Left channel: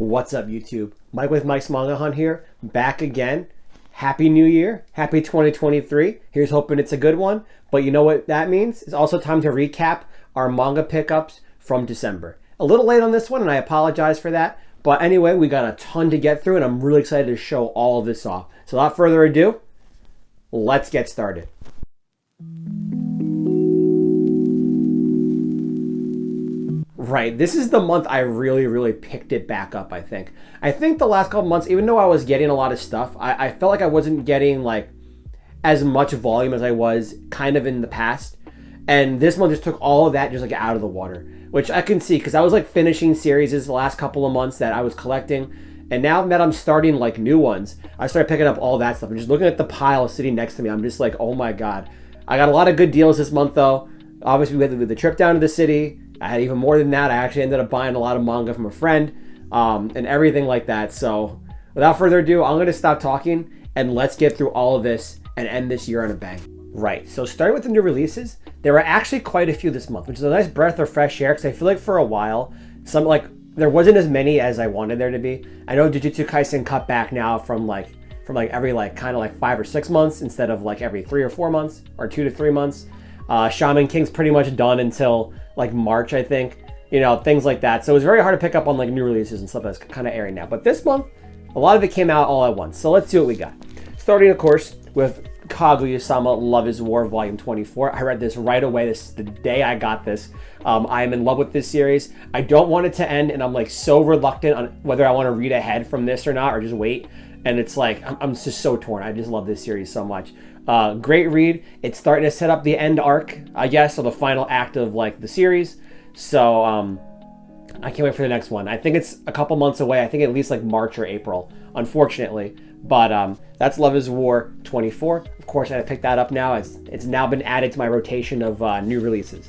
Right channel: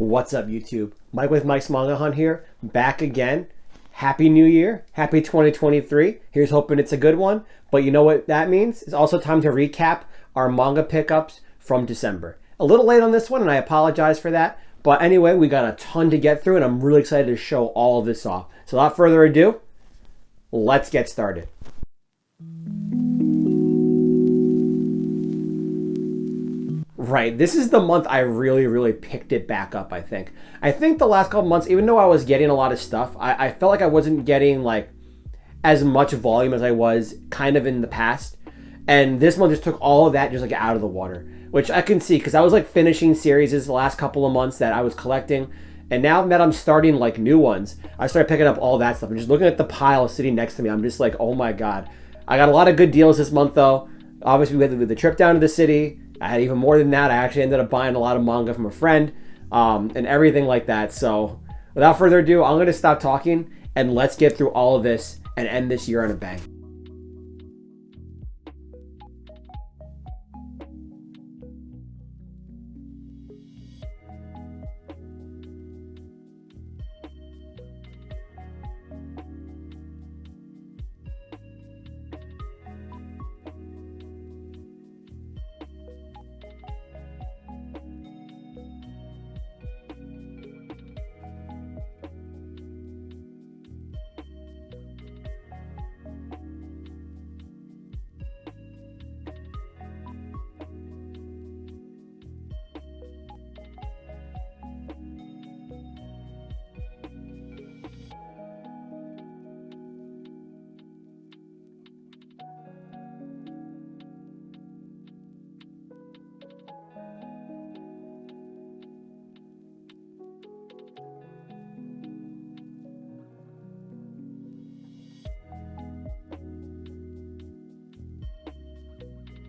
What's up, YouTube? Mike with Mike's Manga Hunt here, back again. Happy New Year. Happy 2023. Here's hoping it's a good one. But you know what that means? It's also time to recap our manga pickups from December. A little late on this one, and I apologize for that. But anyway, we got a ton to get through, and I'm really excited to show all of this off. So without further ado, let's get started. Right, this is the month I really picked it back up, I think. I think the last couple months, even though I was getting a lot of stuff, I felt like I wasn't getting like as much volume as I was kind of in the past. And this month just took all of that just like out of the water, which I can see because I was like finishing series the last couple of months that I was collecting. And now that I'm starting like new ones, I started picking up all that stuff. And just looking at the pile sitting next to me, I'm just like, oh my God. I got a lot of good deals this month though. Obviously we had the trip down to the city. I had even more than that. I actually ended up buying a lot of manga from a friend and everything like that. So without further ado, I'm going to stop talking and let's get through all of this and end this year on a bang. Right, so starting with the new releases, there were actually quite a few this month, which is a nice breath of fresh air because I feel like for a while, there wasn't as many as I wanted there to be. I know Jujutsu Kaisen cut back now from every kind of 5 or 6 months instead of like every 3 or 4 months or 2 to 3 months. Shaman King's pretty much done until like March, I think, things like that. So it was very hard to pick up on like new releases and stuff that's kind of airing now. But this month, a lot of it came out all at once. So let's see what we got. Starting, of course, with Kaguya-sama Love is War Volume 24. I read this right away. This is the day I got this. I am in love with this series. I don't want it to end, and I'm like so reluctant on whether I want to read ahead from this or not, or just wait. And it's like, I'm just so torn. I just love this series so much. Great read. It's starting to set up the end arc, I guess, or the final act of like the series. So I can't wait for the next one. I think it's a couple months away. I think at least like March or April, unfortunately. But that's Love is War 24. Of course, I picked that up now. It's now been added to my rotation of new releases.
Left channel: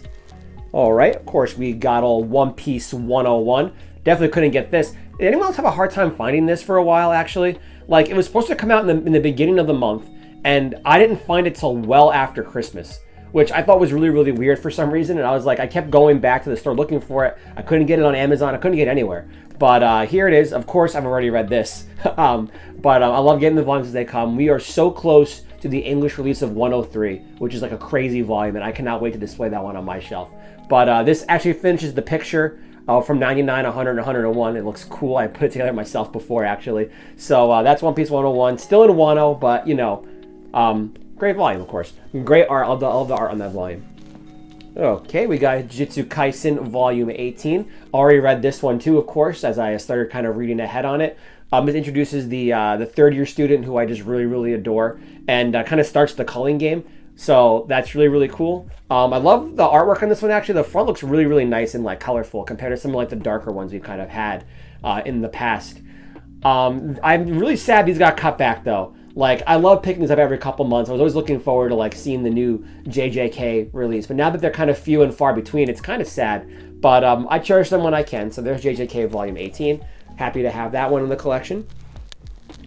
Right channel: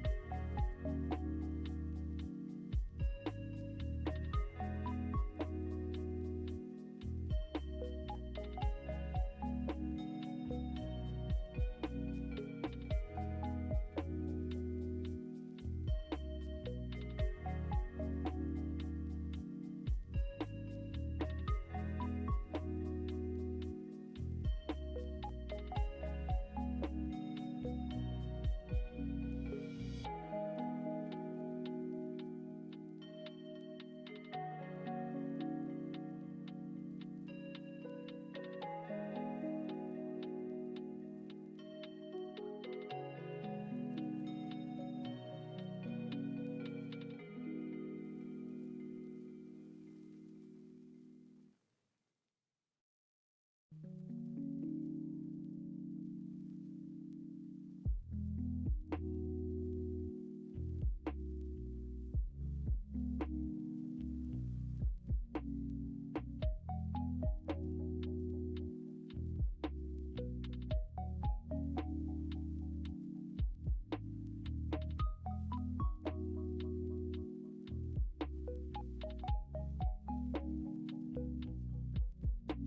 All right, of course, we got all One Piece 101. Definitely couldn't get this. Did anyone else have a hard time finding this for a while, actually? Like, it was supposed to come out in the beginning of the month, and I didn't find it till well after Christmas, which I thought was really weird for some reason. And I was like, I kept going back to the store looking for it. I couldn't get it on Amazon. I couldn't get it anywhere. But here it is. Of course, I've already read this. But I love getting the volumes as they come. We are so close to the English release of 103, which is like a crazy volume, and I cannot wait to display that one on my shelf. But this actually finishes the picture from 99, 100, and 101. It looks cool. I put it together myself before, actually. So that's One Piece 101. Still in Wano, but great volume, of course. Great art. I love the art on that volume. Okay, we got Jujutsu Kaisen Volume 18. Already read this one too, of course, as I started kind of reading ahead on it. It introduces the third-year student who I just really adore, and kind of starts the culling game. So that's really cool. I love the artwork on this one. Actually, the front looks really nice and like colorful compared to some of like the darker ones we've kind of had in the past. I'm really sad these got cut back though. Like, I love picking these up every couple months. I was always looking forward to like seeing the new JJK release, but now that they're kind of few and far between, it's kind of sad. But I cherish them when I can. So there's JJK Volume 18. Happy to have that one in the collection.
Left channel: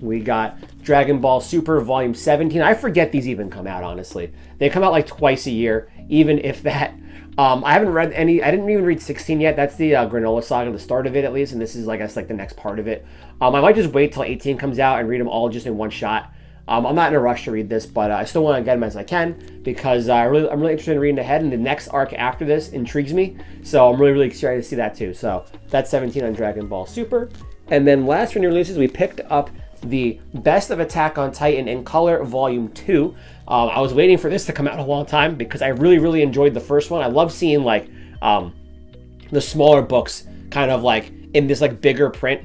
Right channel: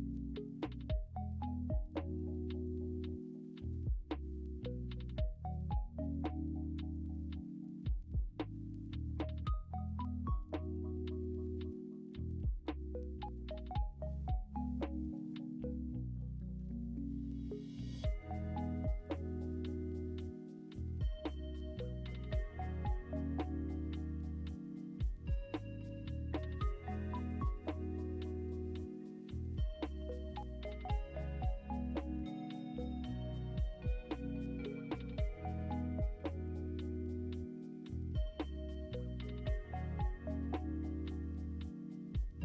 We got Dragon Ball Super Volume 17. I forget these even come out, honestly. They come out like twice a year, even if that. I haven't read any. I didn't even read 16 yet. That's the Granola Saga, the start of it at least, and this is like the next part of it. I might just wait till 18 comes out and read them all just in one shot. I'm not in a rush to read this, but I still want to get them as I can because I'm really interested in reading ahead, and the next arc after this intrigues me. So I'm really excited to see that too. So that's 17 on Dragon Ball Super. And then last for new releases, we picked up the Best of Attack on Titan in Color Volume 2. I was waiting for this to come out a long time because I really enjoyed the first one. I love seeing like the smaller books kind of like in this like bigger print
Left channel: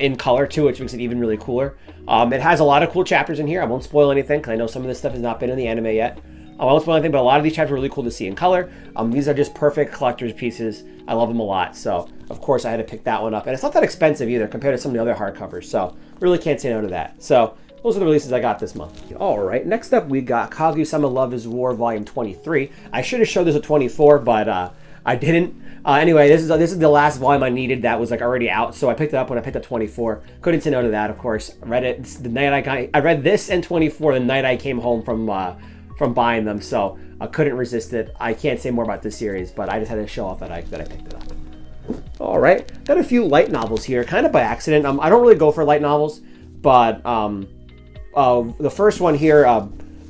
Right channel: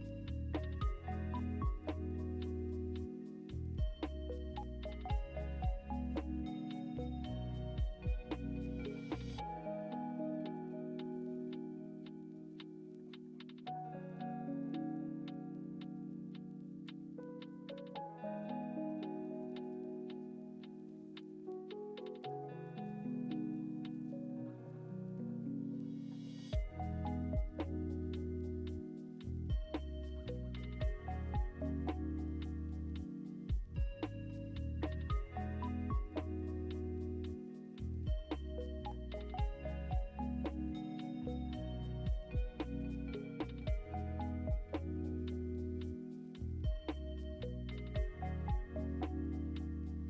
in color too, which makes it even really cooler. It has a lot of cool chapters in here. I won't spoil anything because I know some of this stuff has not been in the anime yet. I won't spoil anything, but a lot of these chapters are really cool to see in color. These are just perfect collector's pieces. I love them a lot. So of course I had to pick that one up, and it's not that expensive either compared to some of the other hardcovers. So really can't say no to that. So those are the releases I got this month. All right, next up we got Kaguya-sama Love is War Volume 23. I should have showed this at 24, but I didn't. Anyway, this is the last volume I needed that was like already out, so I picked it up when I picked up 24. Couldn't say no to that, of course. I read it the night I read this and 24 the night I came home from buying them, so I couldn't resist it. I can't say more about this series, but I just had to show off that I picked it up. All right, got a few light novels here, kind of by accident. I don't really go for light novels, but the first one here,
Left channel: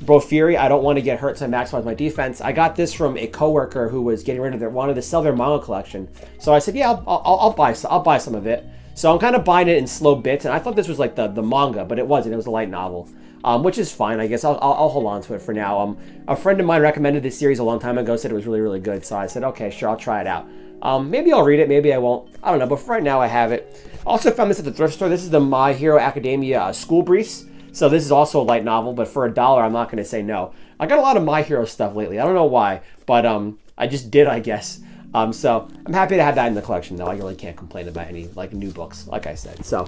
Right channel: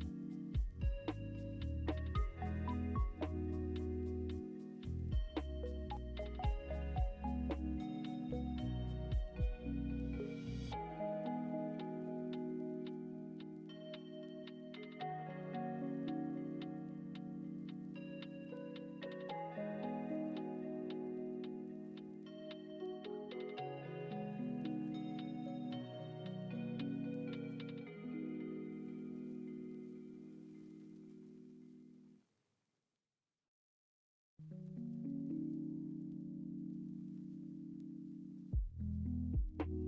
Bro Fury, I don't want to get hurt, so I maximize my defense. I got this from a coworker who was getting rid of wanted to sell their manga collection. So I said, yeah, I'll buy some of it. So I'm kind of buying it in slow bits, and I thought this was like the manga, but it wasn't. It was a light novel, which is fine. I guess I'll hold on to it for now. A friend of mine recommended this series a long time ago, said it was really, really good. So I said, okay, sure, I'll try it out. Maybe I'll read it, maybe I won't. I don't know, but for right now I have it. Also found this at the thrift store. This is the My Hero Academia School Briefs. So this is also a light novel, but for $1, I'm not going to say no. I got a lot of My Hero stuff lately. I don't know why, but I just did, I guess. So I'm happy to have that in the collection, though. I really can't complain about any like new books, like I said. So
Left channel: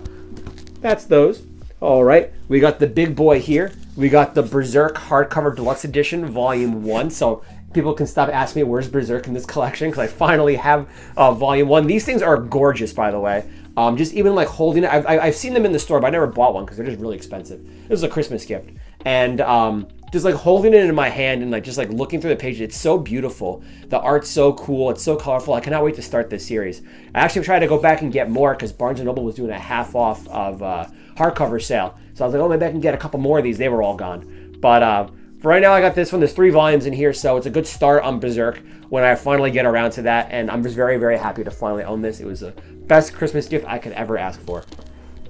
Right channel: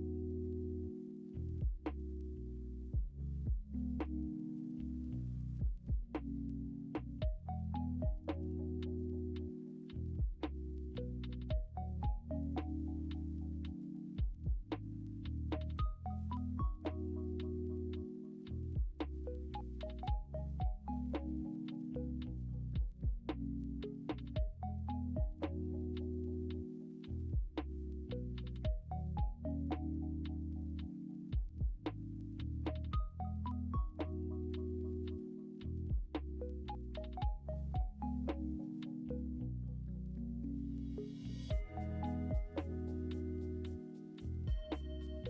that's those. All right, we got the big boy here. We got the Berserk hardcover deluxe edition, volume 1. So people can stop asking me where's Berserk in this collection, because I finally have volume 1. These things are gorgeous, by the way. Just even like holding it, I've seen them in the store, but I never bought one because they're just really expensive. It was a Christmas gift, and just like holding it in my hand and like just like looking through the pages, it's so beautiful. The art's so cool, it's so colorful. I cannot wait to start this series. I actually tried to go back and get more because Barnes & Noble was doing a half off of hardcover sale, so I was like, oh, maybe I can get a couple more of these. They were all gone, but for right now I got this one. There's 3 volumes in here, so it's a good start on Berserk when I finally get around to that, and I'm just very, very happy to finally own this. It was the best Christmas gift I could ever ask for.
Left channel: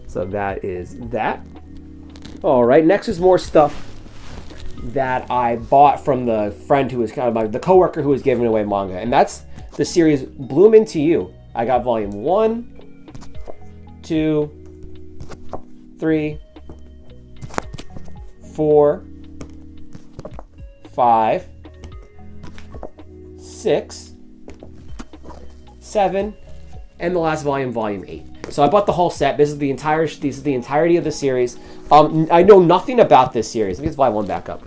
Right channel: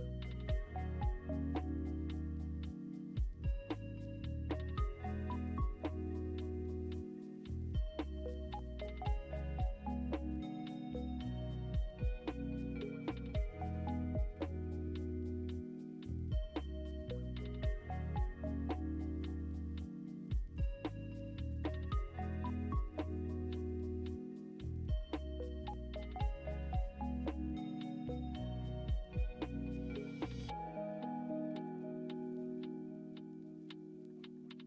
So that is that. All right, next is more stuff that I bought from the friend who was kind of the coworker who was giving away manga, and that's the series Bloom Into You. I got volume 1, 2, 3, 4, 5, 6, 7, and the last volume, volume 8. So I bought the whole set. This is the entirety of the series. I know nothing about this series. Let me just buy one back up.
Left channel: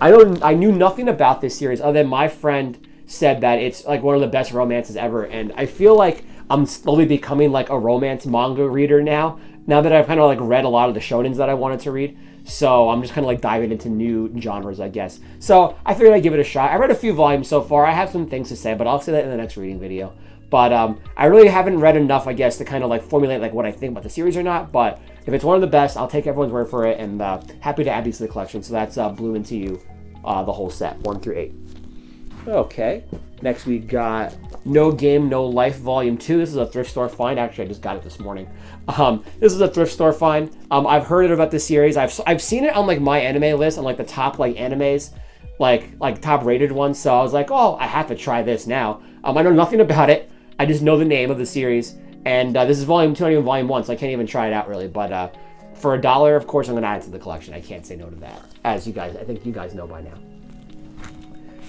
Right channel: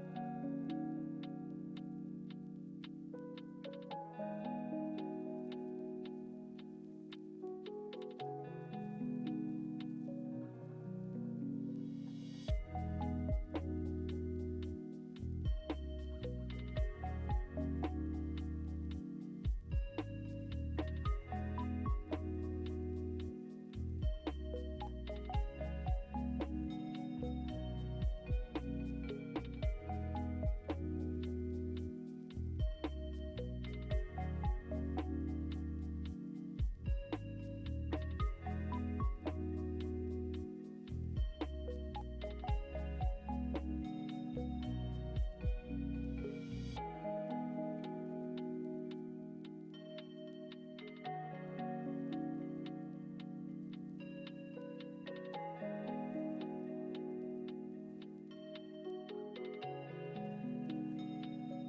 I knew nothing about this series other than my friend said that it's like one of the best romances ever, and I feel like I'm slowly becoming like a romance manga reader now that I've kind of like read a lot of the shonens that I wanted to read. So I'm just kind of like diving into new genres, I guess. So I figured I'd give it a shot. I read a few volumes so far. I have some things to say, but I'll say that in the next reading video. But I really haven't read enough, I guess, to kind of like formulate like what I think about the series or not. But if it's one of the best, I'll take everyone's word for it, and happy to add these to the collection. So that's Bloom Into You, the whole set, 1 through 8. Okay, next we got No Game, No Life, Volume 2. This is a thrift store find. Actually, I just got it this morning. This is a thrift store find. I've heard about this series. I've seen it on like my anime list, on like the top like animes, like top rated ones. So I was like, oh, I have to try this now. I know nothing about it. I just know the name of the series, and this is volume 2, not even volume 1, so I can't even try it out really. But for $1, of course, I'm gonna add it to the collection. I can't say no to that, as I think you guys know by now.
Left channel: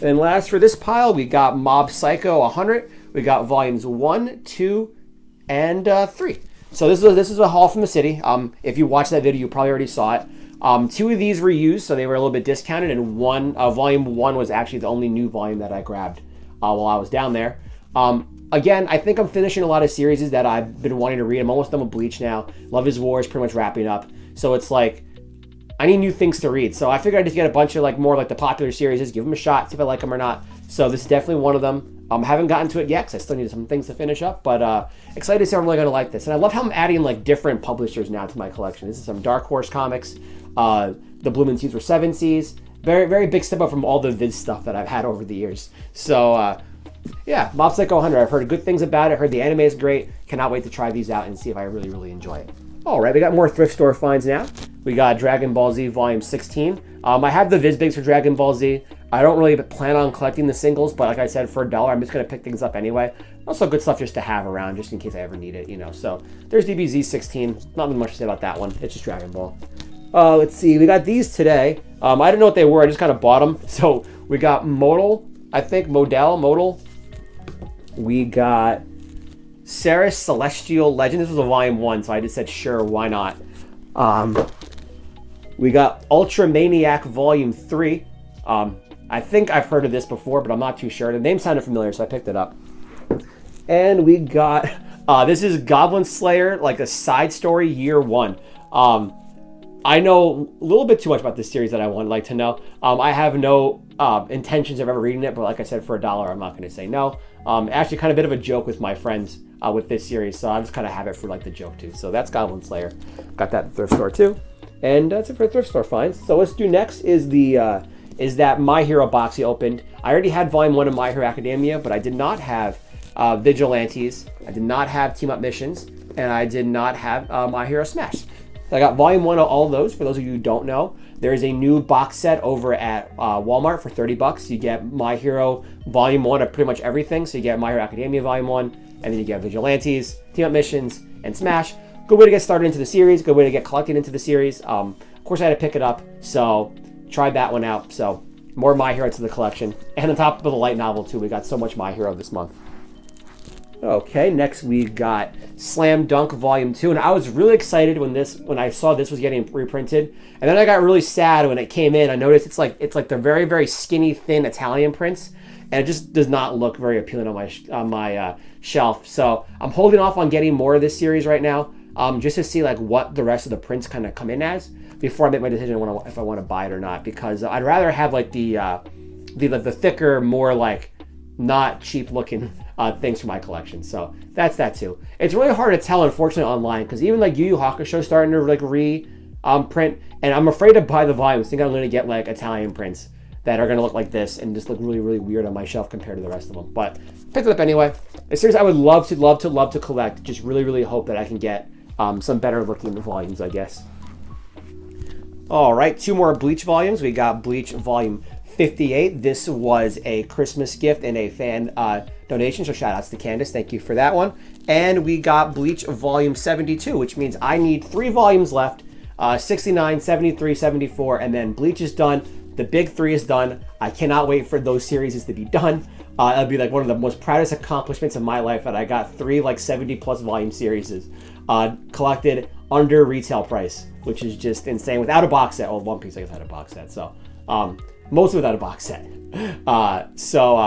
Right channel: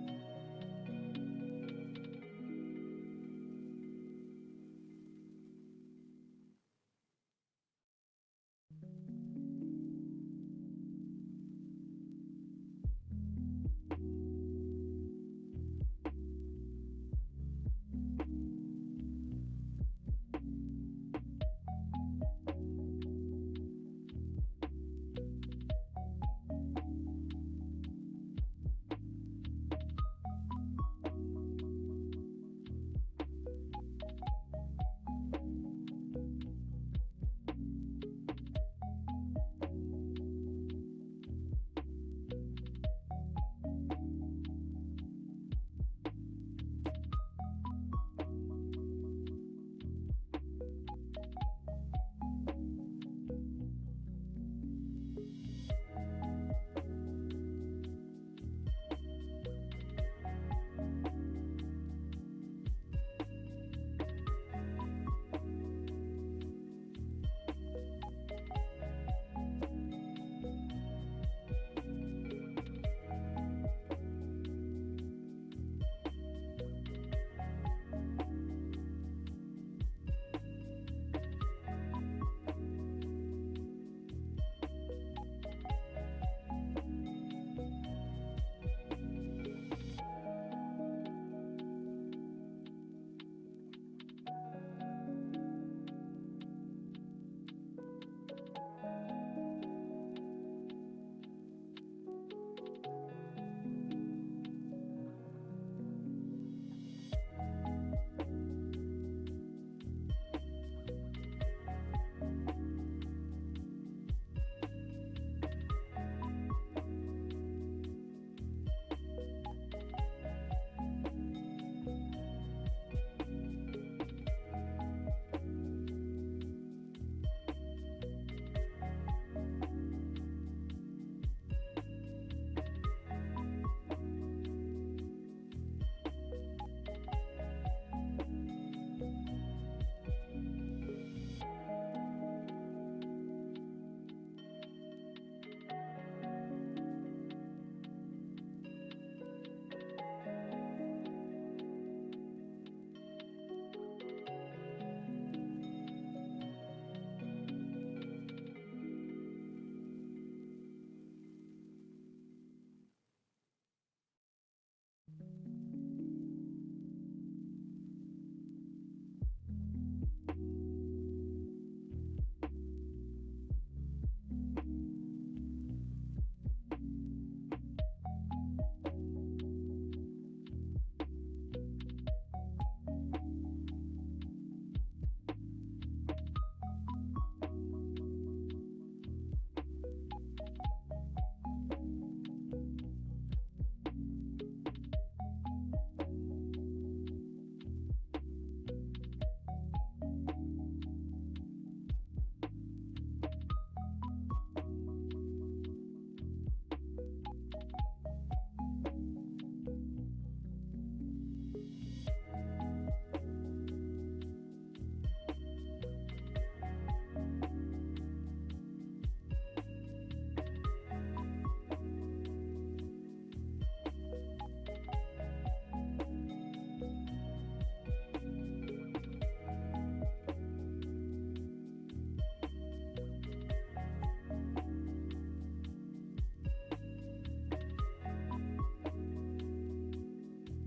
And last for this pile, we got Mob Psycho 100. We got volumes 1, 2, and 3. So this is a haul from the city. If you watched that video, you probably already saw it. 2 of these were used, so they were a little bit discounted, and volume 1 was actually the only new volume that I grabbed while I was down there. Again, I think I'm finishing a lot of series that I've been wanting to read. I'm almost done with Bleach now. Love is War is pretty much wrapping up. So it's like, I need new things to read. So I figured I'd just get a bunch of like more like the popular series, give them a shot, see if I like them or not. So this is definitely one of them. Haven't gotten to it yet because I still need some things to finish up, but excited to see if I'm really gonna like this. And I love how I'm adding like different publishers now to my collection. This is some Dark Horse comics. The Bloom Into You were 7 Seas. Very, very big step up from all the Viz stuff that I've had over the years. So yeah, Mob Psycho 100. I've heard good things about it. I heard the anime is great. Cannot wait to try these out and see if I really, really enjoy it. All right, we got more thrift store finds now. We got Dragon Ball Z Volume 16. I have the Vizbigs for Dragon Ball Z. I don't really plan on collecting the singles, but like I said, for $1, I'm just going to pick things up anyway. Also good stuff just to have around, just in case I ever need it, you know. So there's DBZ 16. Not much to say about that one. It's just Dragon Ball. Let's see. We got these today. I didn't know what they were. I just kind of bought them. So we got Modal, I think. Modal. We got Ceres Celestial Legend. This was a volume 1, so I just said, sure, why not? We got Ultra Maniac Volume 3. I think I've heard of this before, but I'm not too sure. The name sounded familiar, so I picked it up. And we got, this is Goblin Slayer, like a side story, year 1. I know a little bit too much about this series that I would like to know. I have no intentions of ever reading it, but like I said, for $1, I'm not going to say no. Actually, kind of a bit of a joke with my friends with this series, so I just kind of have it for like the joke too. So that's Goblin Slayer. Got that at the thrift store too. And that's it for thrift store finds. So let's do next is that My Hero box he opened. I already had Volume 1 of My Hero Academia, but I did not have Vigilantes, I did not have Team Up Missions, and I did not have My Hero Smash. So I got Volume 1 of all of those. For those of you who don't know, there is a new box set over at Walmart for $30. You get My Hero Volume 1 of pretty much everything. So you get My Hero Academia Volume 1, and then you get Vigilantes, Team Up Missions, and Smash. Good way to get started into the series, good way to get collected into the series. Of course, I had to pick it up, so tried that one out. So more My Hero to the collection. And on top of the light novel too, we got so much My Hero this month. Okay, next we got Slam Dunk Volume 2, and I was really excited when I saw this was getting reprinted, and then I got really sad when it came in. I noticed it's like the very, very skinny, thin Italian prints, and it just does not look very appealing on my shelf. So I'm holding off on getting more of this series right now, just to see like what the rest of the prints kind of come in as before I make my decision if I want to buy it or not, because I'd rather have like the thicker, more like not cheap looking things for my collection. So that's that too. It's really hard to tell, unfortunately, online, because even like Yu Yu Hakusho starting to like print, and I'm afraid to buy the volumes. I think I'm going to get like Italian prints that are going to look like this and just look really, really weird on my shelf compared to the rest of them. But picked it up anyway. A series I would love to collect. Just really, really hope that I can get some better looking volumes, I guess. All right, 2 more Bleach volumes. We got Bleach Volume 58. This was a Christmas gift and a fan donation, so shout outs to Candace. Thank you for that one. And we got Bleach Volume 72, which means I need 3 volumes left, 69, 73, 74, and then Bleach is done. The big 3 is done. I cannot wait for those series to be done. It'll be like one of the most proudest accomplishments of my life that I got 3 like 70 plus volume series collected under retail price, which is just insane, without a box set. Well, One Piece I guess had a box set, so mostly without a box set.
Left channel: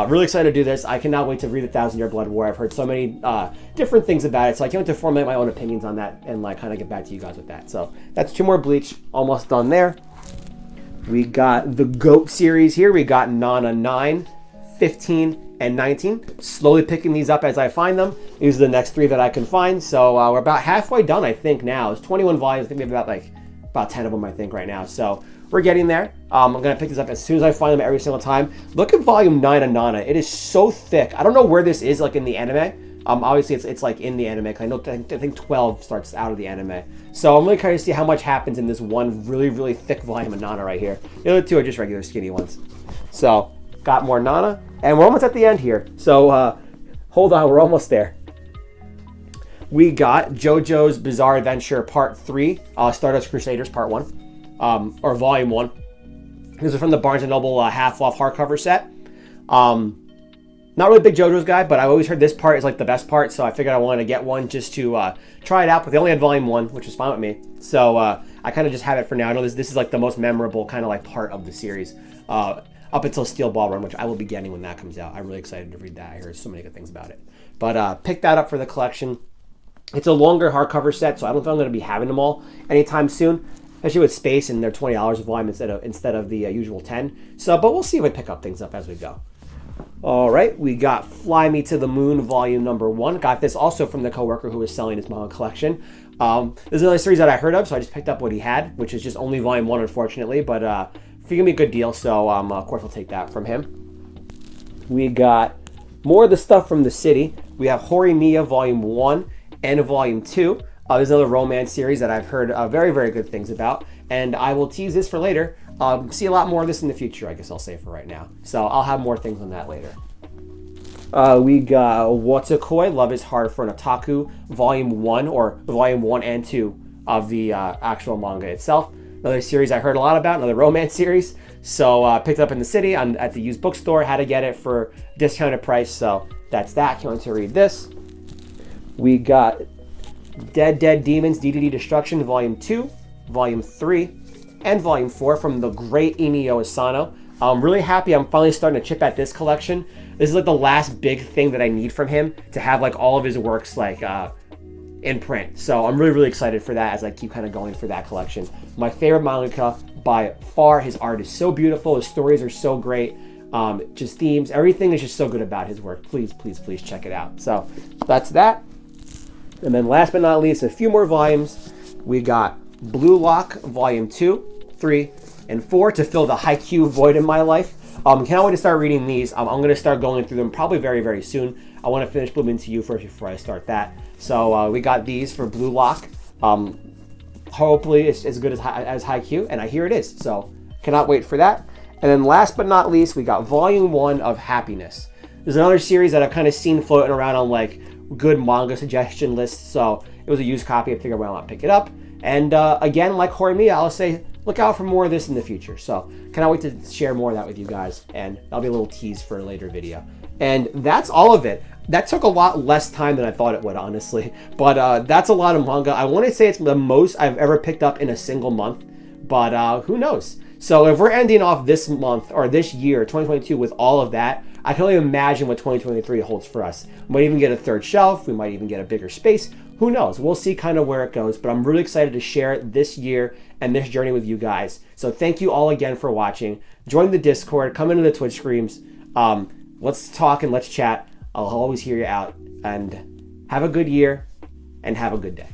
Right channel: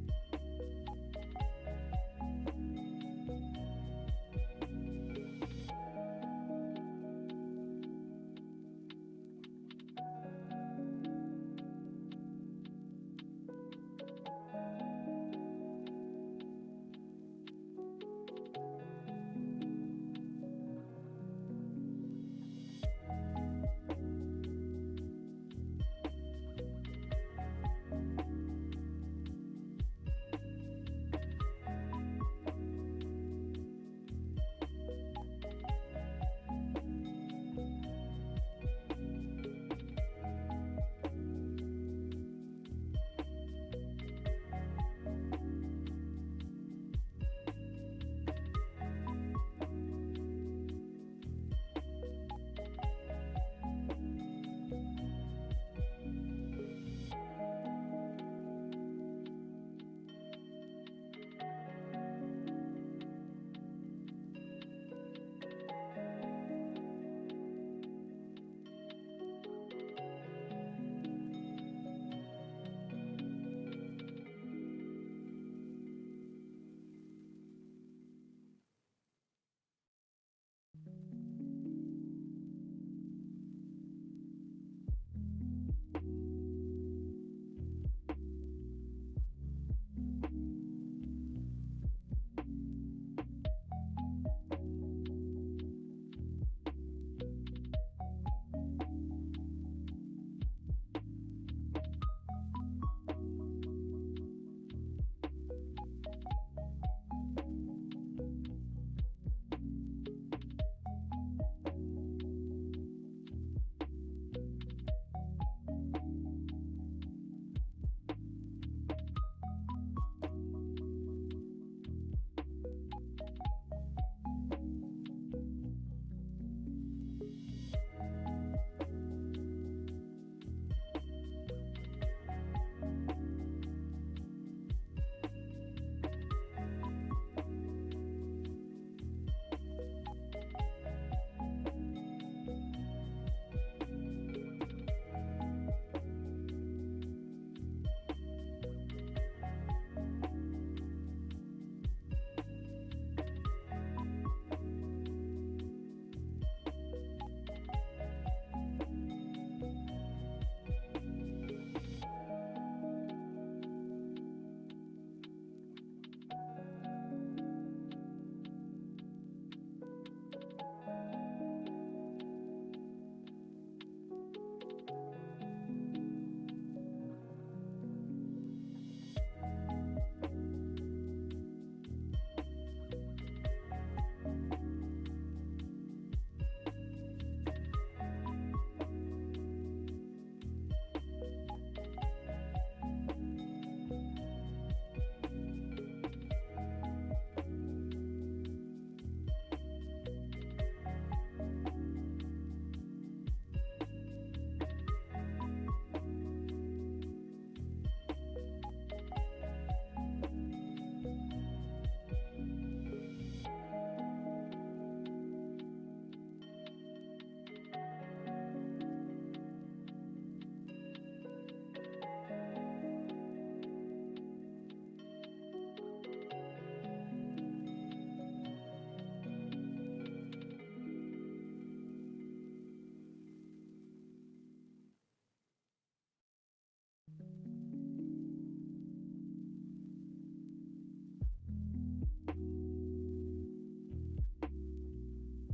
Really excited to do this. I cannot wait to read the 1,000-Year Blood War. I've heard so many different things about it, so I can't wait to formulate my own opinions on that and like kind of get back to you guys with that. So that's 2 more Bleach, almost done there. We got the GOAT series here. We got Nana 9, 15, and 19. Slowly picking these up as I find them. These are the next 3 that I can find. So we're about halfway done, I think, now. It's 21 volumes. I think we have about 10 of them, I think, right now. So we're getting there. I'm going to pick this up as soon as I find them every single time. Look at Volume 9 of Nana. It is so thick. I don't know where this is like in the anime. Obviously, it's like in the anime. I think 12 starts out of the anime. So I'm really curious to see how much happens in this one really, really thick volume of Nana right here. The other 2 are just regular skinny ones. So got more Nana, and we're almost at the end here. So hold on, we're almost there. We got JoJo's Bizarre Adventure Part 3, Stardust Crusaders Part 1, or Volume 1. These are from the Barnes & Noble half-off hardcover set. Not really a big JoJo's guy, but I always heard this part is like the best part, so I figured I wanted to get one just to try it out. But they only had Volume 1, which is fine with me. So I kind of just have it for now. I know this is like the most memorable kind of like part of the series, up until Steel Ball Run, which I will be getting when that comes out. I'm really excited to read that. I heard so many good things about it. But pick that up for the collection. It's a longer hardcover set, so I don't think I'm going to be having them all anytime soon, especially with space, and they're $20 a volume instead of the usual 10. So, but we'll see if we pick up things up as we go. All right, we got Fly Me to the Moon Volume Number 1. Got this also from the coworker who was selling his manga collection. This is another series that I heard of, so I just picked up what he had, which is just only Volume 1, unfortunately, but figured me a good deal, so of course I'll take that from him. We got more of the stuff from the city. We have Horimiya Volume 1 and Volume 2. There's another romance series that I've heard very, very good things about, and I will tease this for later. See a lot more of this in the future, I guess I'll say for right now. So I'll have more things on that later. We got Watakoi, Love is Hard for an Otaku, Volume 1, or Volume 1 and 2 of the actual manga itself. Another series I heard a lot about, another romance series. So picked it up in the city at the used bookstore, had to get it for discounted price. So that's that. Can't wait to read this. We got Dead Demons, DDD Destruction, Volume 2, Volume 3, and Volume 4 from the great Inio Asano. I'm really happy I'm finally starting to chip at this collection. This is like the last big thing that I need from him to have like all of his works like in print. So I'm really, really excited for that as I keep kind of going for that collection. My favorite mangaka by far. His art is so beautiful. His stories are so great. Just themes, everything is just so good about his work. Please, please, please check it out. So that's that. And then last but not least, a few more volumes. We got Blue Lock Volume 2, 3, and 4 to fill the Haikyuu void in my life. Can't wait to start reading these. I'm going to start going through them probably very, very soon. I want to finish Blooming to You first before I start that. So we got these for Blue Lock. Hopefully it's as good as Haikyuu, and I hear it is. So cannot wait for that. And then last but not least, we got Volume 1 of Happiness. There's another series that I've kind of seen floating around on like good manga suggestion lists. So it was a used copy. I figured, well, I'll pick it up. And again, like Horimiya, I'll say, look out for more of this in the future. So cannot wait to share more of that with you guys. And that'll be a little tease for a later video. And that's all of it. That took a lot less time than I thought it would, honestly. But that's a lot of manga. I want to say it's the most I've ever picked up in a single month. But who knows? So if we're ending off this month or this year, 2022, with all of that, I can only imagine what 2023 holds for us. We might even get a third shelf. We might even get a bigger space. Who knows? We'll see kind of where it goes. But I'm really excited to share this year and this journey with you guys. So thank you all again for watching. Join the Discord. Come into the Twitch streams. Let's talk and let's chat. I'll always hear you out. And have a good year and have a good day.